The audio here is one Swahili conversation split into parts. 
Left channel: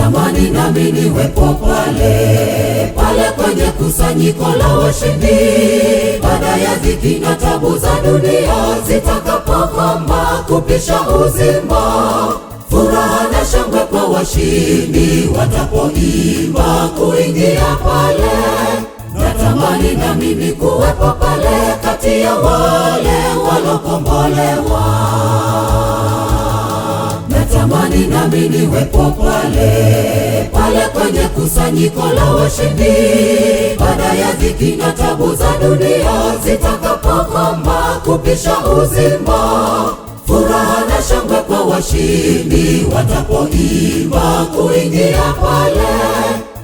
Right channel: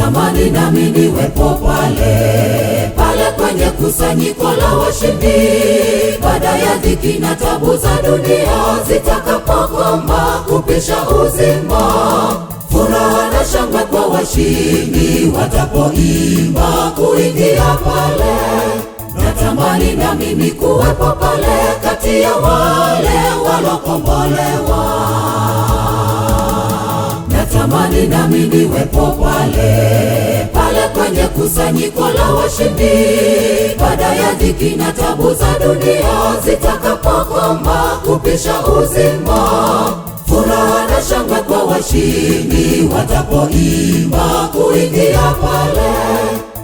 natamani nami niwepo pale kwenye kusanyiko la washindi, baada ya dhiki na tabu za dunia zitakapokoma kupisha uzima. Furaha na shangwe kwa washindi watapoimba kuingia pale. Natamani na mimi kuwepo pale kati ya wale walokombolewa. Natamani na mimi niwepo pale kwenye kusanyiko la washindi, baada ya dhiki na tabu za dunia zitakapokoma kupisha uzima. Furaha na shangwe kwa washindi watapoimba kuingia pale.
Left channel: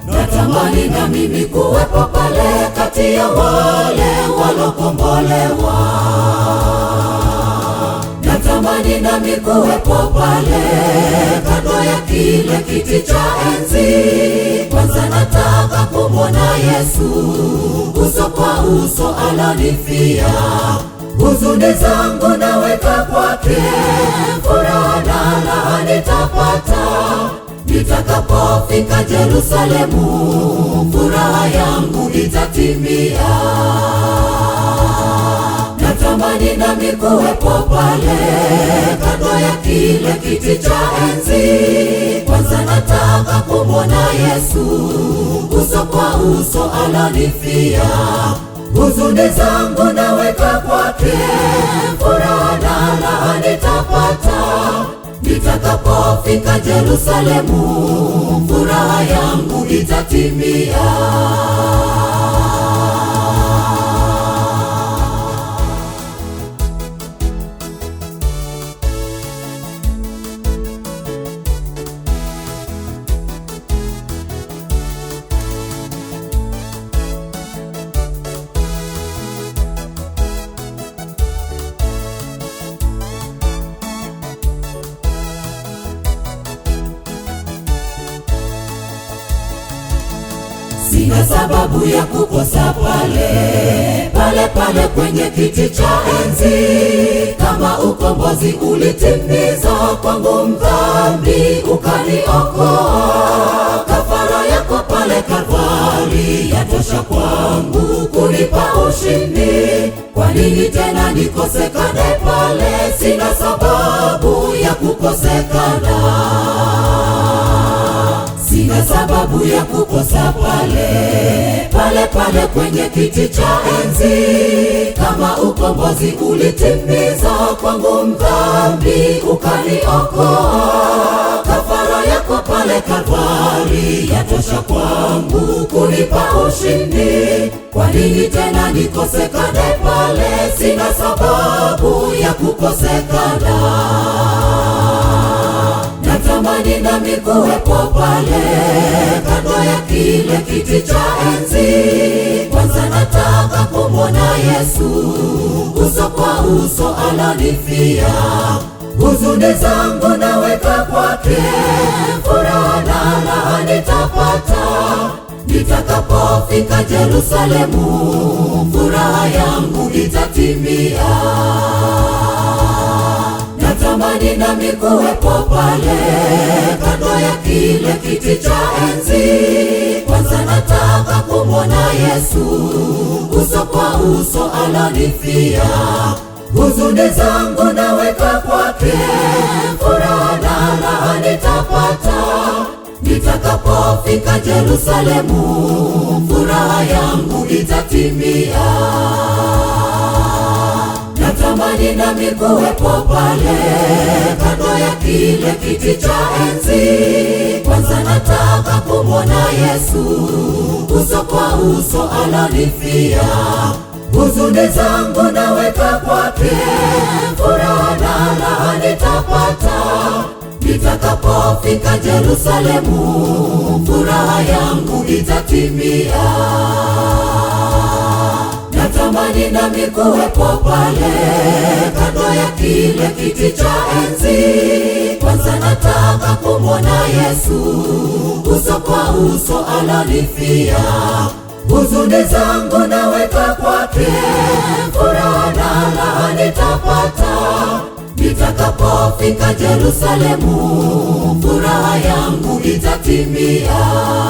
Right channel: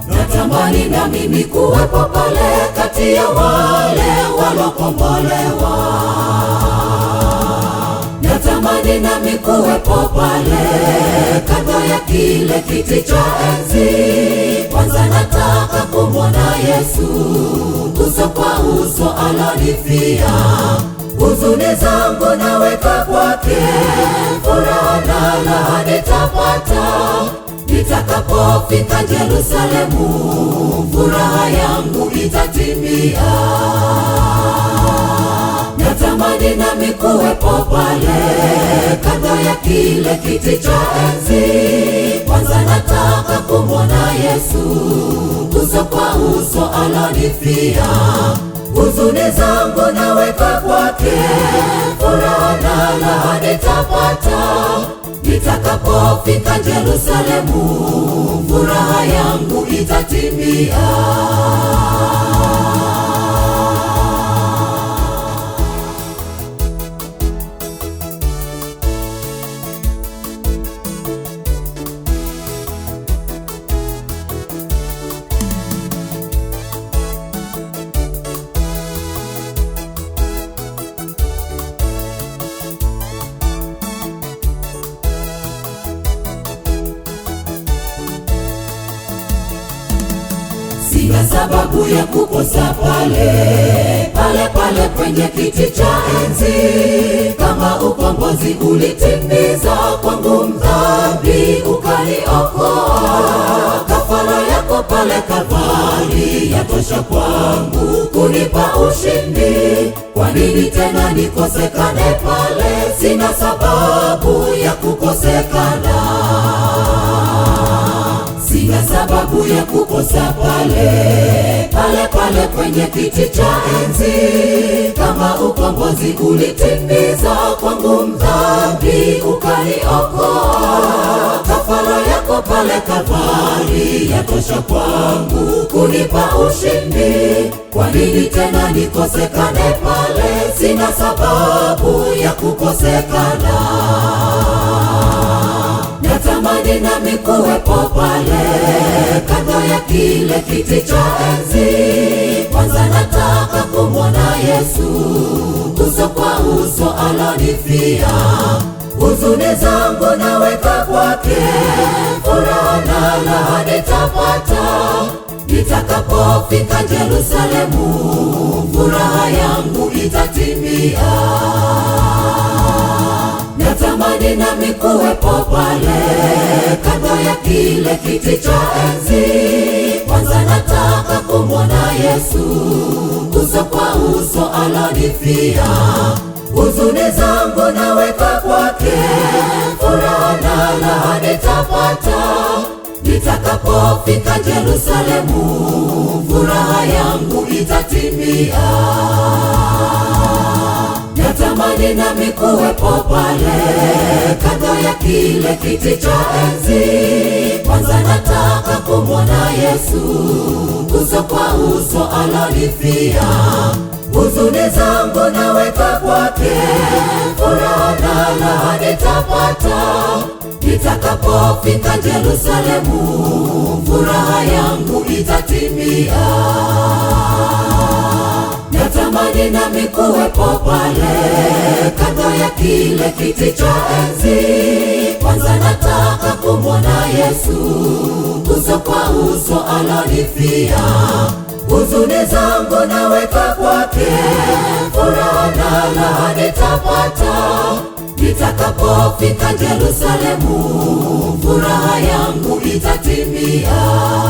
Natamani na mimi kuwepo pale kati ya wale walokombolewa. Natamani na mimi kuwepo pale kando ya kile kiti cha enzi. Kwanza nataka kumwona Yesu uso kwa uso alonifia. Huzuni zangu naweka kwake, furaha na raha nitapata nitakapofika Yerusalemu, furaha yangu itatimia. Natamani nami kuwepo pale kando ya kile kiti cha enzi. Kwanza nataka kumwona Yesu uso kwa uso alonifia. Huzuni zangu naweka kwake, furaha na raha nitapata nitakapofika Yerusalemu, furaha yangu itatimia. Sina sababu ya kukosa pale kwenye kiti cha enzi. Kama ukombozi ulitimiza kwangu mdhambi ukaniokoa, kafara yako pale Kalvari yatosha kwangu kunipa ushindi. Kwa nini tena nikosekane pale? Sina sababu ya kukosekana. Sina sababu ya kukosa pale kwenye kiti cha enzi. Kama ukombozi ulitimiza kwangu mdhambi ukaniokoa, kafara yako pale Kalvari yatosha kwangu kunipa ushindi. Kwa nini tena nikosekane pale? Sina sababu ya kukosekana. Natamani nami kuwepo pale kando ya kile kiti cha enzi. Kwanza nataka kumwona Yesu uso kwa uso alonifia. Huzuni zangu naweka kwake, furaha na raha nitapata nitakapofika Yerusalemu, furaha yangu itatimia. Natamani nami kuwepo pale kando ya kile kiti cha enzi. Kwanza nataka kumwona Yesu uso kwa uso alonifia. Huzuni zangu naweka kwake, furaha na raha nitapata nitakapofika Yerusalemu, furaha yangu itatimia. Natamani nami kuwepo pale kando ya kile kiti cha enzi. Kwanza nataka kumwona Yesu uso kwa uso alonifia. Huzuni zangu naweka kwake, furaha na raha nitapata nitakapofika Yerusalemu, furaha yangu itatimia. Natamani nami kuwepo pale kando ya kile kiti cha enzi. Kwanza nataka kumwona Yesu uso kwa uso alonifia. Huzuni zangu naweka kwake, furaha na raha nitapata nitakapofika Yerusalemu, furaha yangu itatimia.